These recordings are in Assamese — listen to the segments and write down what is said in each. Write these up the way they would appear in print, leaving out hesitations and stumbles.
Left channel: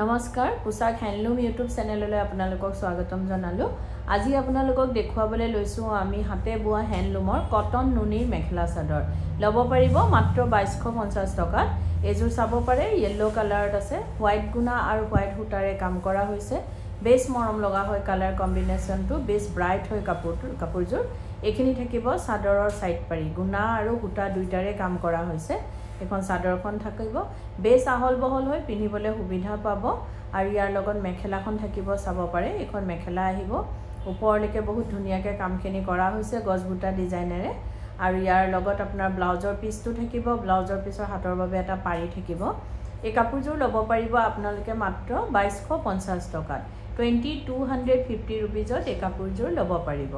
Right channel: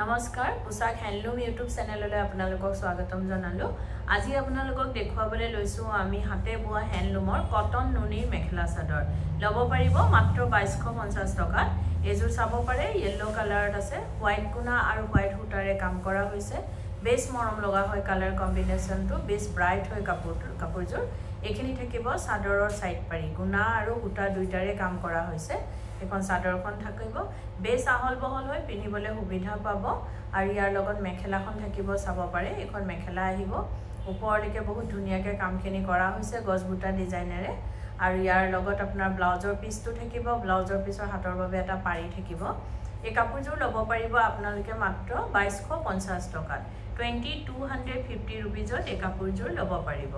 নমস্কাৰ পোছাক হ্যান্ডলুম ইউটিউব চেনেললৈ আপোনালোকক স্বাগতম জনালো। আজি আপোনালোকক দেখুৱাবলৈ লৈছো আমি হাতে বোৱা হ্যান্ডলুমৰ কটন নুনিৰ মেখেলা চাদৰ। লব পাৰিব মাত্ৰ 2250 টকাত। এজোৰ চাব পাৰে ইয়েলো কালাৰত আছে, হোৱাইট গুণা আৰু হোৱাইট সূতাৰে কাম কৰা হৈছে। বেছ মৰম লগা হয় কালাৰ কম্বিনেশ্যনটো, বেছ ব্ৰাইট হয় কাপোৰযোৰ। এইখিনি থাকিব চাদৰৰ সাইড পাৰি, গুণা আৰু সূতা দুইটাৰে কাম কৰা হৈছে। এখন চাদৰখন থাকিব, বেছ আহল বহল হৈ পিন্ধিবলৈ সুবিধা পাব। আৰু ইয়াৰ লগত মেখেলাখন থাকিব, চাব পাৰে এখন মেখেলা আহিব। ওপৰলৈকে বহুত ধুনীয়াকৈ কামখিনি কৰা হৈছে গছবুটা ডিজাইনেৰে। আৰু ইয়াৰ লগত আপোনাৰ ব্লাউজৰ পিচটো থাকিব, ব্লাউজৰ পিছৰ হাতৰ বাবে এটা পাৰি থাকিব। এই কাপোৰযোৰ ল'ব পাৰিব আপোনালোকে মাত্ৰ 2250 টকাত। 2250 ৰুপিজত এই কাপোৰযোৰ ল'ব পাৰিব।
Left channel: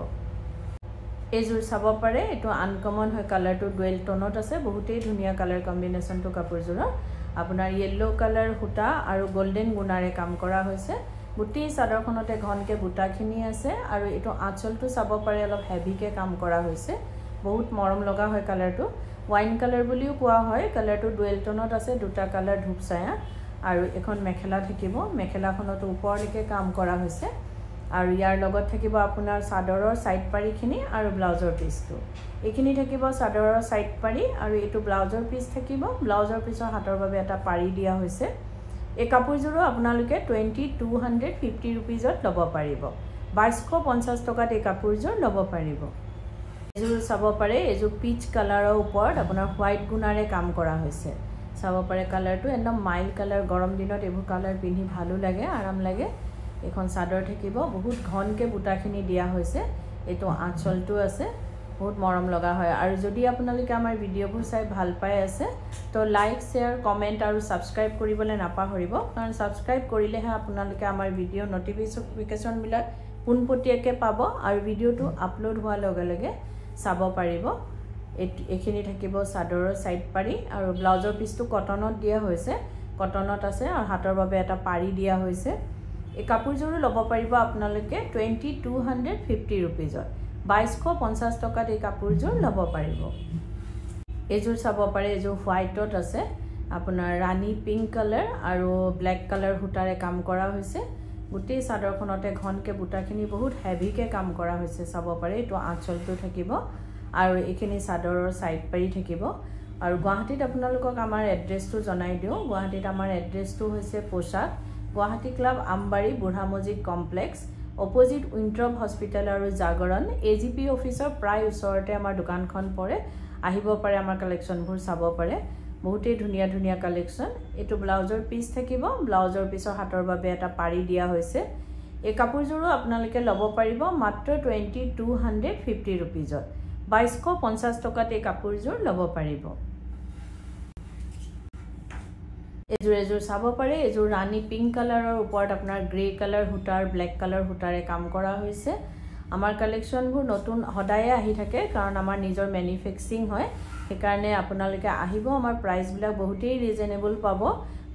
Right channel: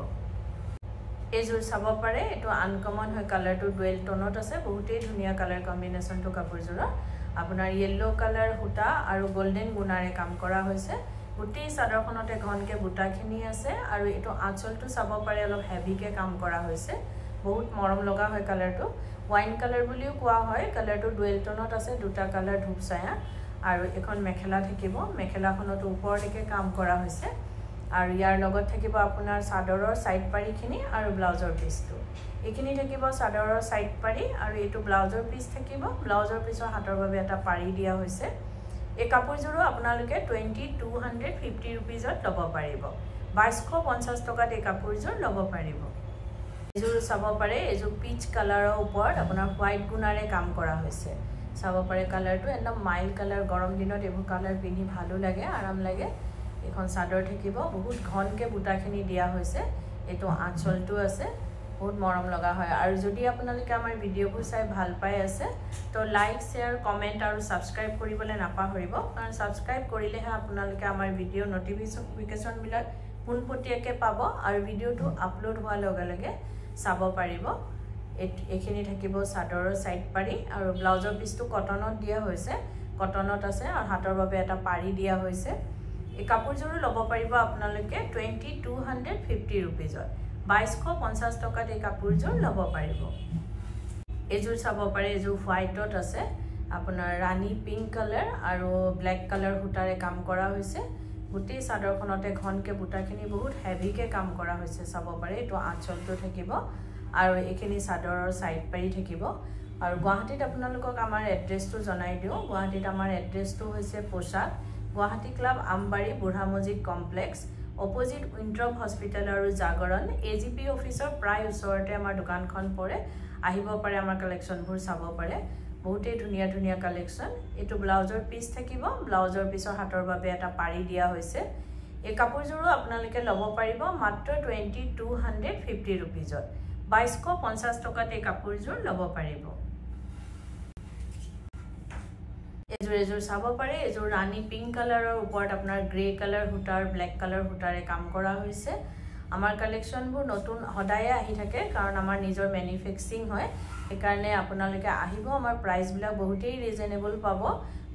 এইযোৰ চাব পাৰে, এইটো আনকমন হয়, কালাৰটো ডুৱেল টোনত আছে, বহুতেই ধুনীয়া কালাৰ কম্বিনেশ্যনটো কাপোৰযোৰৰ। আপোনাৰ ইয়েলো কালাৰ সূতা আৰু গোল্ডেন গুণাৰে কাম কৰা হৈছে। গোটেই চাদৰখনতে ঘনকৈ বুটাখিনি আছে আৰু এইটো আঁচলটো চাব পাৰে অলপ হেভিকৈ কাম কৰা হৈছে। বহুত মৰম লগা হয় কালাৰটো, ওয়াইন কালাৰ বুলিও কোৱা হয়। কালাৰটো ডুৱেল টোনত আছে, দুটা কালাৰ ধূপচায়া। আৰু এখন মেখেলা থাকিব, মেখেলাখনত ওপৰলৈকে কাম কৰা হৈছে। আৰু ইয়াৰ লগত থাকিব আপোনাৰ চাদৰৰ সাইড পাৰিখিনি আৰু ব্লাউজৰ পিচটো। এইখিনি থাকিব চাদৰৰ সাইড পাৰি আৰু এইটো ব্লাউজৰ পিচ থাকিব। ব্লাউজৰ পিছৰ হাতৰ বাবে এটা পাৰি দিয়া হৈছে। এই কাপোৰযোৰো আপোনালোকে 2250 ৰুপিজত ল'ব পাৰিব। 2250 টকাত এই কাপোৰযোৰ ল'ব পাৰিব। এইযোৰ চাব পাৰে, এইযোৰ পিচ কালাৰৰ ওপৰত আপোনাৰ হোৱাইট গুণাৰে কাম কৰা হৈছে। চাব পাৰে কালাৰটো একদম মাইল্ড কালাৰ, গৰম দিনত এইবোৰ কালাৰ পিন্ধি ভালো লাগে, আৰাম লাগে। এখন চাদৰ থাকিব, বহুত ঘনকৈ বুটাখিনি দিয়া হৈছে। এইটো আঁচলটো আছে, বহুত মৰম লগা হয়। আৰু যদি আপোনালোকে আমাৰ ভিডিঅ'বোৰ চাই ভাল পাই আছে তো লাইক, শ্বেয়াৰ, কমেণ্ট আৰু ছাবস্ক্ৰাইব কৰিবলৈ নাপাহৰিব। কাৰণ ছাবস্ক্ৰাইব কৰিলেহে আপোনালোকে আমাৰ ভিডিঅ'ৰ নটিফিকেশ্যনবিলাক পোনপটীয়াকৈ পাব আৰু ভিডিঅ'টো আপলোড হোৱাৰ লগে লগে চাব পাৰিব। এইখিনি থাকিব চাদৰৰ সাইড পাৰি আৰু ব্লাউজৰ পিচটো কটনত দিয়া হৈছে, কটনত আছে আৰু হাতৰ বাবে এটা পাৰি দিয়া হৈছে। এই কাপোৰযোৰো ল'ব পাৰিব আপোনালোকে 2250 ৰুপিজত। 2250 টকাত এই কাপোৰযোৰ ল'ব পাৰিব। এইযোৰ চাব পাৰে, এইযোৰ হোৱাইটত আছে, আপোনাৰ ৰাণী পিংক কালাৰ আৰু ব্লেক কালাৰ সূতাৰে কাম কৰা হৈছে। গোটেই চাদৰখনতে ঘনকৈ বুটাখিনি বহুত হেভিকৈ কাম কৰা হৈছে, চাব পাৰে। এইটো আঁচলটো থাকিব আৰু এইখিনি চাদৰৰ সাইড পাৰি থাকিব। আৰু গুৱাহাটীত আপোনালোকক আমাৰ এড্ৰেছটো জনাই দিওঁ। গুৱাহাটীত আমাৰ এড্ৰেছটো হৈছে পোছাক গুৱাহাটী ক্লাব, আমবাৰী, বুঢ়া মছজিদ কমপ্লেক্স, অপজিট উইণ্ট্ৰপ হস্পিটেল আৰু জাগৰণ AGP অফিচৰ প্ৰায় ওচৰতে আমাৰ দোকানখন পৰে। আহিব পাৰে, আমাৰ কালেকশ্যনবোৰ চাব পাৰে, বহুতেই ধুনীয়া ধুনীয়া কালেকশ্যন। এইটো ব্লাউজৰ পিচ থাকিব, ব্লাউজৰ পিছৰ হাতৰ বাবে এটা পাৰি দিয়া হৈছে। এই কাপোৰযোৰো আপোনালোকে ল'ব পাৰিব মাত্ৰ 2250 ৰুপিজত। 2250 টকাত এই কাপোৰযোৰ ল'ব পাৰিব। এযোৰ চাব পাৰে, এযোৰ ৰাণী পিংক কালাৰৰ ওপৰত আপোনাৰ গ্ৰে কালাৰ সূতাৰ, ব্লেক কালাৰ সূতাৰে কাম কৰা হৈছে। আমাৰ কালেকশ্যনবোৰ নতুন সদায়ে আহি থাকে, কাৰণ আমাৰ নিজৰ মেনুফেকচাৰিং হয়। সেইকাৰণে আপোনালোকে আহিব, আমাৰ প্ৰাইচবিলাক বহুতেই ৰিজনেবল পাব,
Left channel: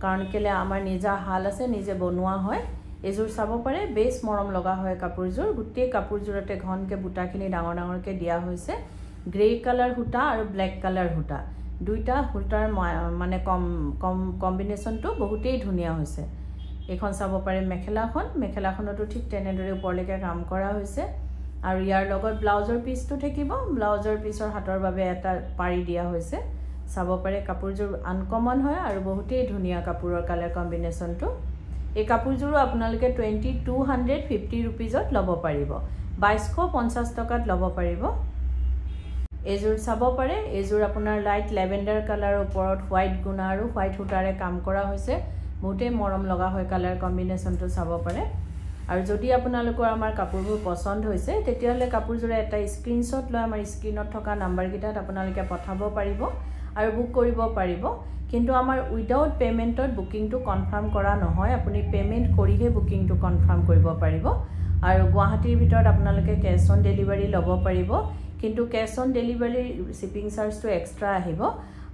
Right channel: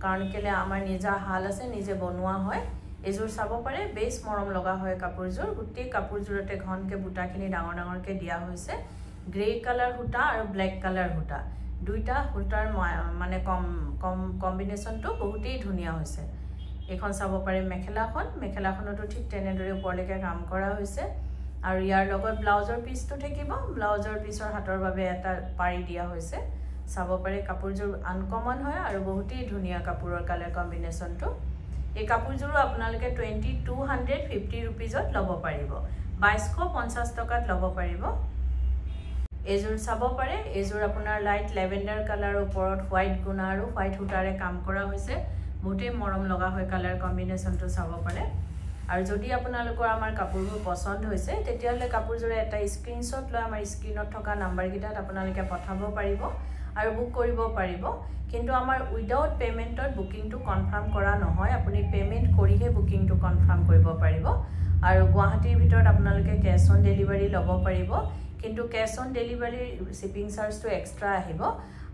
কাৰণ কেলে আমাৰ নিজা হাল আছে, নিজে বনোৱা হয়। এযোৰ চাব পাৰে, বেছ মৰম লগা হয় কাপোৰযোৰ। গোটেই কাপোৰযোৰতে ঘনকৈ বুটাখিনি ডাঙৰ ডাঙৰকৈ দিয়া হৈছে। গ্ৰে কালাৰ সূতা আৰু ব্লেক কালাৰ সূতা, দুইটা সূতাৰ মানে কম্বিনেশ্যনটো বহুতেই ধুনীয়া হৈছে। এইখন চাব পাৰে মেখেলাখন, মেখেলাখনতো ঠিক তেনেদৰে ওপৰলৈকে কাম কৰা হৈছে। আৰু ইয়াৰ লগত ব্লাউজৰ পিচটো থাকিব, ব্লাউজৰ পিছৰ হাতৰ বাবে এটা পাৰি দিয়া হৈছে। চাব পাৰে কাপোৰযোৰ আনকমন হয় আৰু বহুতেই ধুনীয়া কাপোৰৰ কালাৰ কম্বিনেশ্যনটো। এই কাপোৰযোৰো আপোনালোকে 2250 ৰুপিজত ল'ব পাৰিব। 2250 টকাত ল'ব পাৰিব। এইযোৰ চাব পাৰে, এইযোৰ আপোনাৰ লাইট লেভেণ্ডাৰ কালাৰৰ ওপৰত হোৱাইট গুণা আৰু হোৱাইট সূতাৰে কাম কৰা হৈছে। বহুতেই মৰম লগা হয় কালাৰ কম্বিনেশ্যনটো, চাব পাৰে। আৰু যদি আপোনালোকৰ আমাৰ কাপোৰবোৰ পচন্দ হৈছে, তেতিয়াহ'লে কাপোৰযোৰে এটা স্ক্ৰীনশ্বট লৈ আমাৰ স্ক্ৰীনত থকা নাম্বাৰকেইটাত আপোনালোকে পঠাব পাৰিব আৰু বুক কৰিব পাৰিব। কিন্তু আমাৰ উইদাউট পে'মেণ্টত বুকিংটো কনফাৰ্ম কৰা নহয়, আপুনি পে'মেণ্ট কৰিহে বুকিংটো কনফাৰ্ম কৰিব পাৰিব। আৰু গুৱাহাটীৰ ভিতৰত আপোনালোকে কেছ অন ডেলিভাৰী ল'ব পাৰিব, কিন্তু কেছ অন ডেলিভাৰীৰ শ্বিপিং চাৰ্জটো এক্সট্ৰা আহিব।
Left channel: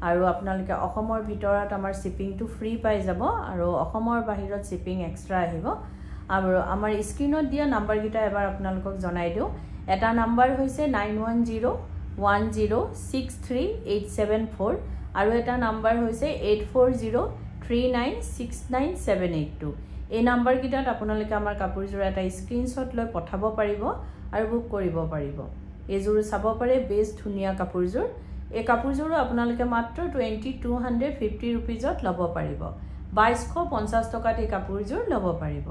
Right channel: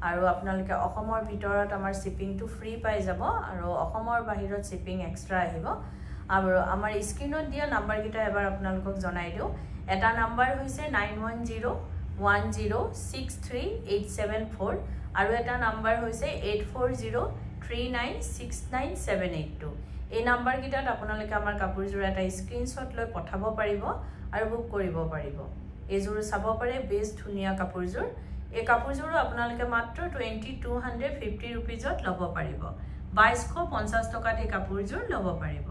আৰু আপোনালোকে অসমৰ ভিতৰত আমাৰ শ্বিপিংটো ফ্ৰী পাই যাব আৰু অসমৰ বাহিৰত শ্বিপিং এক্সট্ৰা আহিব। আৰু আমাৰ স্ক্ৰীনত দিয়া নাম্বাৰকেইটা এবাৰ আপোনালোকক জনাই দিওঁ। এটা নাম্বাৰ হৈছে 9101063874 আৰু এটা নাম্বাৰ হৈছে 8402 396978 এই নাম্বাৰ কিটাত আপোনালোকে আমাৰ কাপোৰযোৰ এটা স্ক্ৰিনশ্বট লৈ পঠাব পাৰিব আৰু বুক কৰিব পাৰিব এযোৰ চাব পাৰে বেছ ধুনিয়া কাপোৰযোৰ এই কাপোৰযোৰ আপোনালোকে মাত্ৰ 2250 रुपीजত লব পাৰিব 2250 টকাত এই কাপোৰযোৰ লব পাৰিব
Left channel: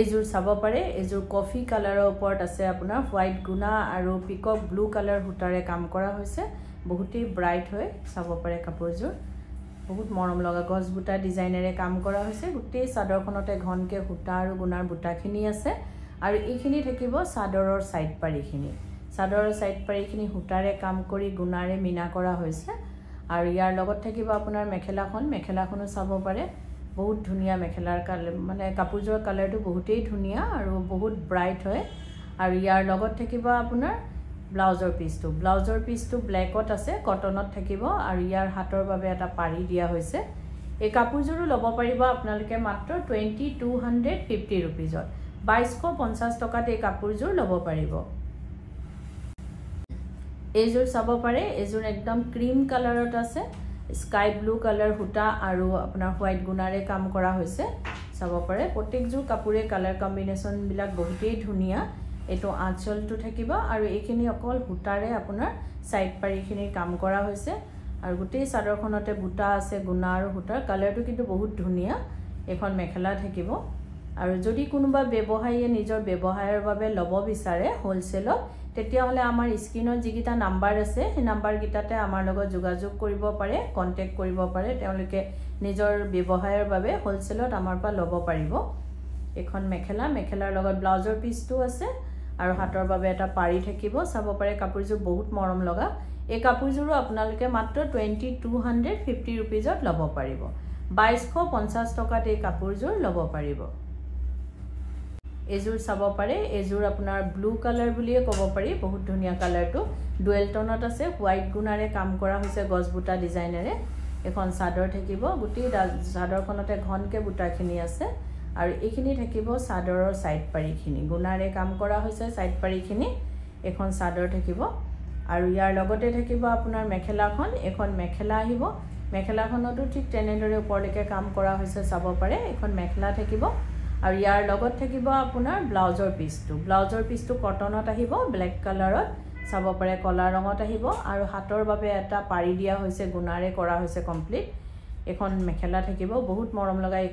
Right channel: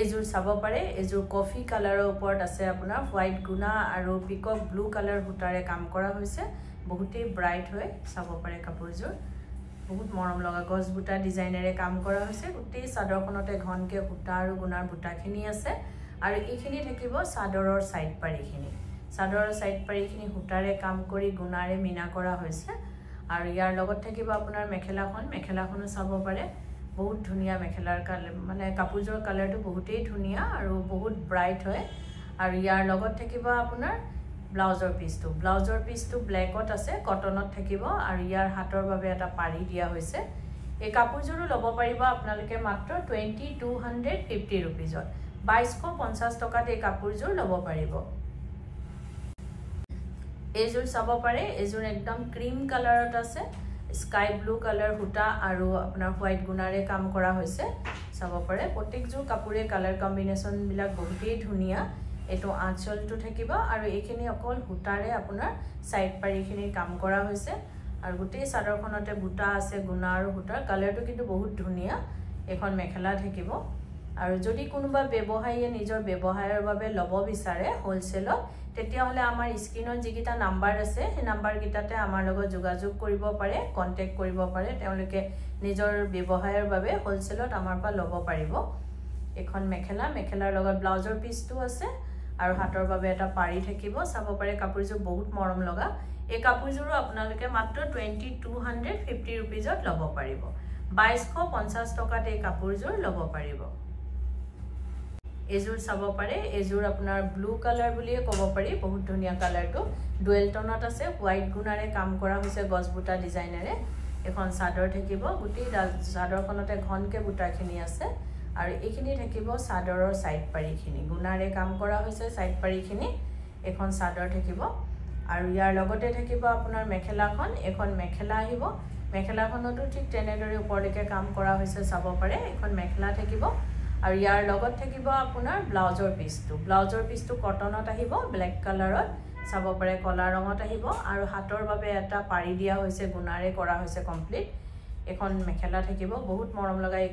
এযোৰ চাব পাৰে এযোৰ কফি কালাৰৰ ওপৰত আছে আপোনাৰ হোৱাইট গুনা আৰু পিকক ব্লু কালাৰ হুটাৰে কাম কৰা হৈছে বহুতেই ব্ৰাইট হয় চাব পাৰে কাপোৰযোৰ বহুত মৰম লগা গছ বুটা ডিজাইনেৰে কাম কৰা হৈছে গোটেই চাদৰখনতে ঘনকে হুটা আৰু গুনাৰ বুটাখিনি আছে আৰু এইখিনি থাকিব চাদৰৰ সাইড পাৰিখিনি চাদৰৰ সাইড পাৰিখিনি হুটাৰে কাম কৰি গুনাৰে মিনা কৰা হৈছে আৰু ইয়াৰ লগত থাকিব আপোনাৰ মেখেলাখনো চাব পাৰে বহুত ধুনিয়া মেখেলাৰ কালাৰ মানে কাপোৰযোৰ কালাৰটো বহুতেই ধুনিয়া আৰু বহুত ব্ৰাইট হয় আৰু ইয়াৰ লগত থাকিব আপোনাৰ ব্লাউজৰ পিসটো ব্ল্যাকত আছে কটনত থাকিব আৰু ইয়াৰ হাতৰ বাবে এটা পাৰি দিয়া হৈছে এই কাপোৰযোৰো লব পাৰিব আপোনালোকে মাত্ৰ 2250 रुपीजত 2250 টকাত এই কাপোৰযোৰ লব পাৰিব এযোৰ চাব পাৰে এযোৰ একদম ক্ৰীম কালাৰত আছে স্কাই ব্লু কালাৰ হুটা আৰু আপোনাৰ হোৱাইট গুনাৰে কাম কৰা হৈছে চাব পাৰে প্ৰত্যেকযোৰ কাপোৰে কালাৰ কম্বিনেশন বিলাক বহুতেই ধুনিয়া এটো আঁচলটো থাকিব আৰু এইখিনি অকল হুটাৰে আপোনাৰ সাইড পাৰিখিনি কাম কৰা হৈছে আৰু গোটেই চাদৰখনতে বুটা আছে গুনা আৰু হুটাৰ কালাৰটো কিন্তু বহুত ধুনিয়া এখন মেখেলা থাকিব আৰু যদি কোনোবা ব্যৱসায়ীয়ে নিজৰ ব্যৱসায়ৰ বাবে লব বিচাৰে হোলসেলত তেতিয়া হলে আমাৰ স্ক্ৰিনত যিকিটা নাম্বাৰ আছে সেই নাম্বাৰ কিটাতে আমাৰ লগত যোগাযোগ কৰিব পাৰে কন্টাক্ট কৰিব পাৰে তেওঁলোকে নিজৰ ব্যৱসায়ৰ বাবে হোলসেলত আমাৰ পৰা লব পাৰিব এখন মেখেলাৰ লগত ব্লাউজৰ পিসটো আছে আৰু হাতৰ বাবে এটা পাৰি থাকিব চাব পাৰে কাপোৰযোৰ বহুত মৰম লগা এই কাপোৰযোৰো আপোনালোকে মাত্ৰ 2250 रुपीजত লব পাৰিব 2250 টকাত এই কাপোৰযোৰ লব পাৰিব এযোৰ চাব পাৰে এযোৰ আপোনাৰ ব্লু কালাৰ বুলিয়ে ক'ব পাৰি বহুত ধুনিয়া কালাৰটো ডুৱেল টোনত আছে হোৱাইট গুনাৰে কাম কৰা হৈছে গছ বুটা ডিজাইনেৰে এখন চাদৰ থাকিব গোটেই চাদৰখনতে ঘনকে বুটাখিনি আছে আৰু এইখিনি থাকিব চাদৰৰ সাইড পাৰিখিনি গুনাৰে কাম কৰা হৈছে সাইড পাৰিখিনি এখন চাদৰ থাকিব আৰু ইয়াৰ লগতে থাকিব আপোনাৰ মেখেলাখন এখন মেখেলা আহিব মেখেলাখনতো ঠিক তেনেদৰে ওপৰলৈকে কাম কৰা হৈছে চাব পাৰে এখন মেখেলা থাকিব আৰু ইয়াৰ লগত থাকিব আপোনাৰ ব্লাউজৰ পিসটো কটনত আহিব ব্ল্যাক কালাৰত চাব পাৰে কলা ৰঙত আহিব আৰু হাতৰ বাবে এটা পাৰি দিয়া হৈছে গুনাৰে কৰা হৈছে কমপ্লিট এখন মেখেলা থাকিব বহুত মৰম লগা এই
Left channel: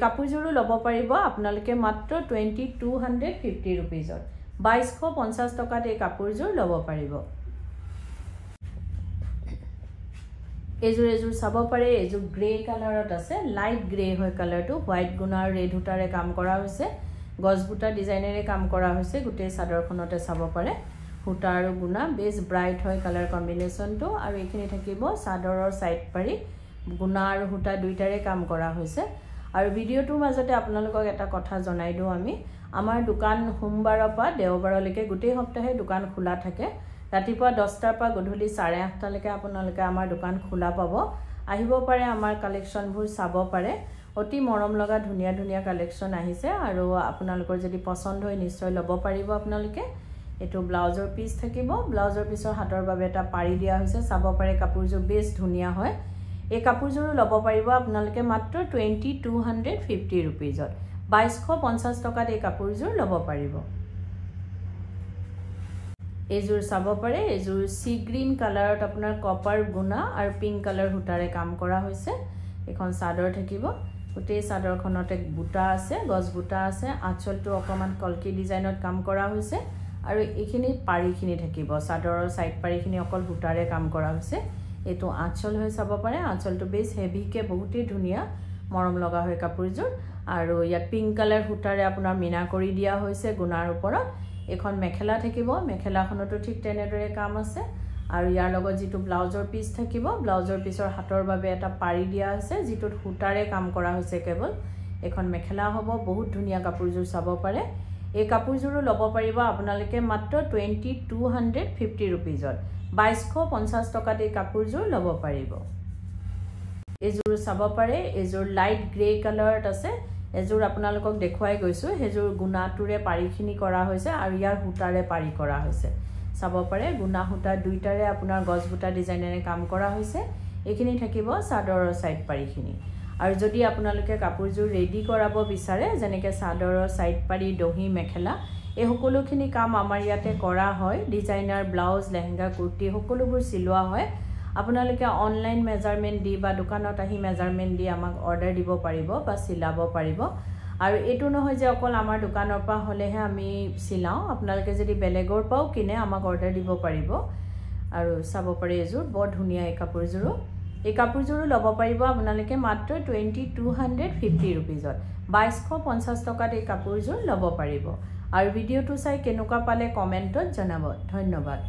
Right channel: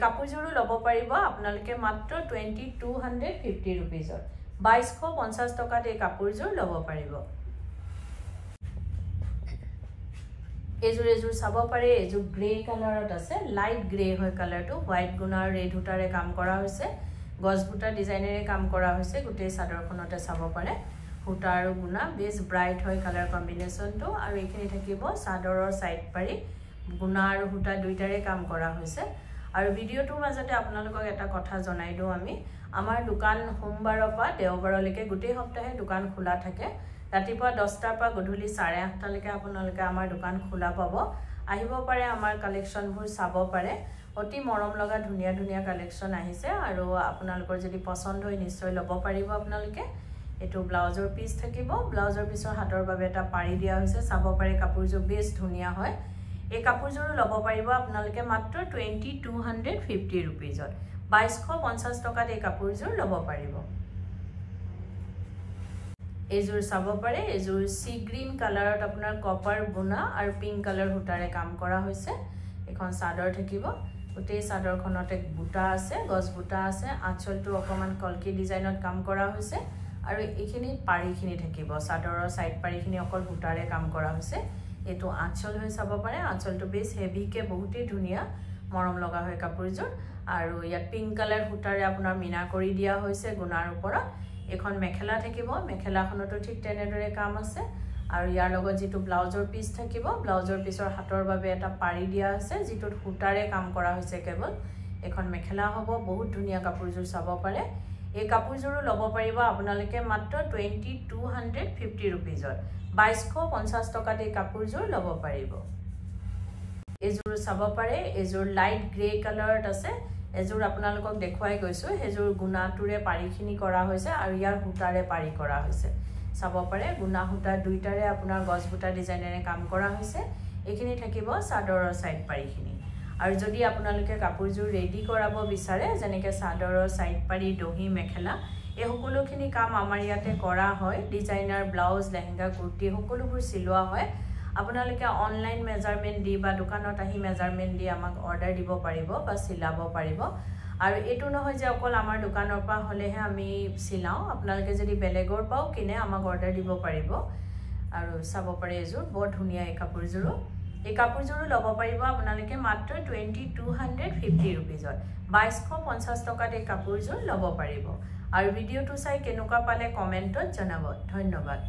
কাপোৰযোৰো লব পাৰিব আপোনালোকে মাত্ৰ 2250 रुपीजত 2250 টকাত এই কাপোৰযোৰ লব পাৰিব এযোৰ চাব পাৰে এযোৰ গ্ৰে কালাৰত আছে লাইট গ্ৰে হয় কালাৰটো হোৱাইট গুনাৰ ৰেড হুটাৰে কাম কৰা হৈছে গছ বুটা ডিজাইনেৰে কাম কৰা হৈছে গোটেই চাদৰখনতে চাব পাৰে হুটা আৰু গুনা বেছ ব্ৰাইট হয় কালাৰ কম্বিনেশনটো আৰু এইখিনি থাকিব চাদৰৰ সাইড পাৰি গুনা আৰু হুটা দুইটাৰে কাম কৰা হৈছে আৰু ভিডিওটোৰ মাজতে আপোনালোকক এটা কথা জনাই দিও আমি আমাৰ দোকান সোমবাৰৰ পৰা দেওবাৰলৈকে গোটেই সপ্তাহে দোকান খোলা থাকে ৰাতিপুৱা 10টাৰ পৰা গধূলি 8:30 লৈকে আপোনালোকে আমাৰ দোকান খোলা পাব আহিব পাৰে আমাৰ কালেকশনবোৰ চাব পাৰে অতি মৰম লগা ধুনিয়া কালেকশন আহিছে আৰু আপোনালোকৰ যদি পছন্দ হয় নিশ্চয় লব পাৰিব আপোনালোকে এটো ব্লাউজৰ পিস থাকিব ব্লাউজৰ পিসৰ হাতৰ বাবে এটা পাৰি দিয়া হৈছে চাব পাৰে কাপোৰযোৰ বেছ ধুনিয়া হয় এই কাপোৰযোৰ লব পাৰিব আপোনালোকে মাত্ৰ 2250 रुपीजত 2250 টকাত এই কাপোৰযোৰ লব পাৰিব এযোৰ চাব পাৰে এযোৰ সি গ্ৰীন কালাৰত আপোনাৰ কপাৰ গুনা আৰু পিংক কালাৰ হুটাৰে কাম কৰা হৈছে এখন চাদৰ থাকিব গোটেই চাদৰখনতে বুটা আছে গছ বুটা আছে আঁচলটো অকমান কলকি ডিজাইনত কাম কৰা হৈছে আৰু এইখিনি পাৰিখিনি থাকিব চাদৰৰ সাইড পাৰিখিনি অকল বুটাৰে কাম কৰা হৈছে এটো আঁচল হৈ চাব পাৰে আঁচলটো বেছ হেভিকে বহুতেই ধুনিয়া মৰম লগা হয় কাপোৰযোৰ আৰু ইয়াত পিংক কালাৰ হুটাৰে আপোনাৰ মিনা কৰি দিয়া হৈছে গুনাৰ ওপৰত এখন মেখেলা থাকিব মেখেলাখনতো ঠিক তেনেদৰে কাম আছে আৰু ইয়াৰ লগত যেটো ব্লাউজৰ পিস থাকিব ব্লাউজৰ পিসৰ হাতৰ বাবে এটা পাৰি দিয়া আছে যেটো হুটাৰে কাম কৰা হৈছে কেৱল এখন মেখেলা হ'ব বহুত ধুনিয়া কাপোৰযোৰ চাব পাৰে এই কাপোৰযোৰো লব পাৰিব আপোনালোকে মাত্ৰ 2250 रुपीजত 2250 টকাত এই কাপোৰযোৰ লব পাৰিব এযোৰ চাব পাৰে এযোৰ লাইট গ্ৰে কালাৰত আছে এযোৰ আপোনালোকক দেখুৱাই গৈছো হেযোৰ গুনাটোৰে পাৰিখিনি কৰা হৈছে আৰু ইয়াৰ হুটাৰে পাৰি কৰা হৈছে চাব পাৰে গুণা সূতা দুইটাৰে আপোনাৰ গছ বুটা ডিজাইনেৰে কাম কৰা হৈছে এইখিনি থাকিব চাদৰৰ সাইড পাৰিখিনি আৰু যদি আপোনালোকে কাপোৰযোৰ ৰেডি কৰাব বিচাৰে যেনেকৈ চাদৰৰ সাইড পাৰি দহি মেখেলা এই সকলোখিনি কাম আমাৰ ইয়াতে কৰা হয় ডিজাইনাৰ ব্লাউজ লেহেঙ্গা কুৰ্তি সকলোবোৰ চিলোৱা হয় আপোনালোকে অনলাইন মেজাৰমেন্ট দি বা দোকানত আহি মেজাৰমেন্ট দি আমাক অৰ্ডাৰ দিব পাৰিব বা চিলাব পাৰিব আৰু এটো নহয় যে অকল আমাৰ দোকানৰ পৰা হলেহে আমি চিলাও আপোনালোকে যদি বেলেগৰ পাও কিনে আমাক অৰ্ডাৰ দিব পাৰিব আৰু চাব পাৰে এযোৰ বৰ ধুনিয়া এই কাপোৰযোৰো লব পাৰিব আপোনালোকে মাত্ৰ 2250 रुपीजত 2250 টকাত এই কাপোৰযোৰ লব পাৰিব আৰু ভিডিওটো চাই কেনেকুৱা পালে কমেন্টত জনাব ধন্যবাদ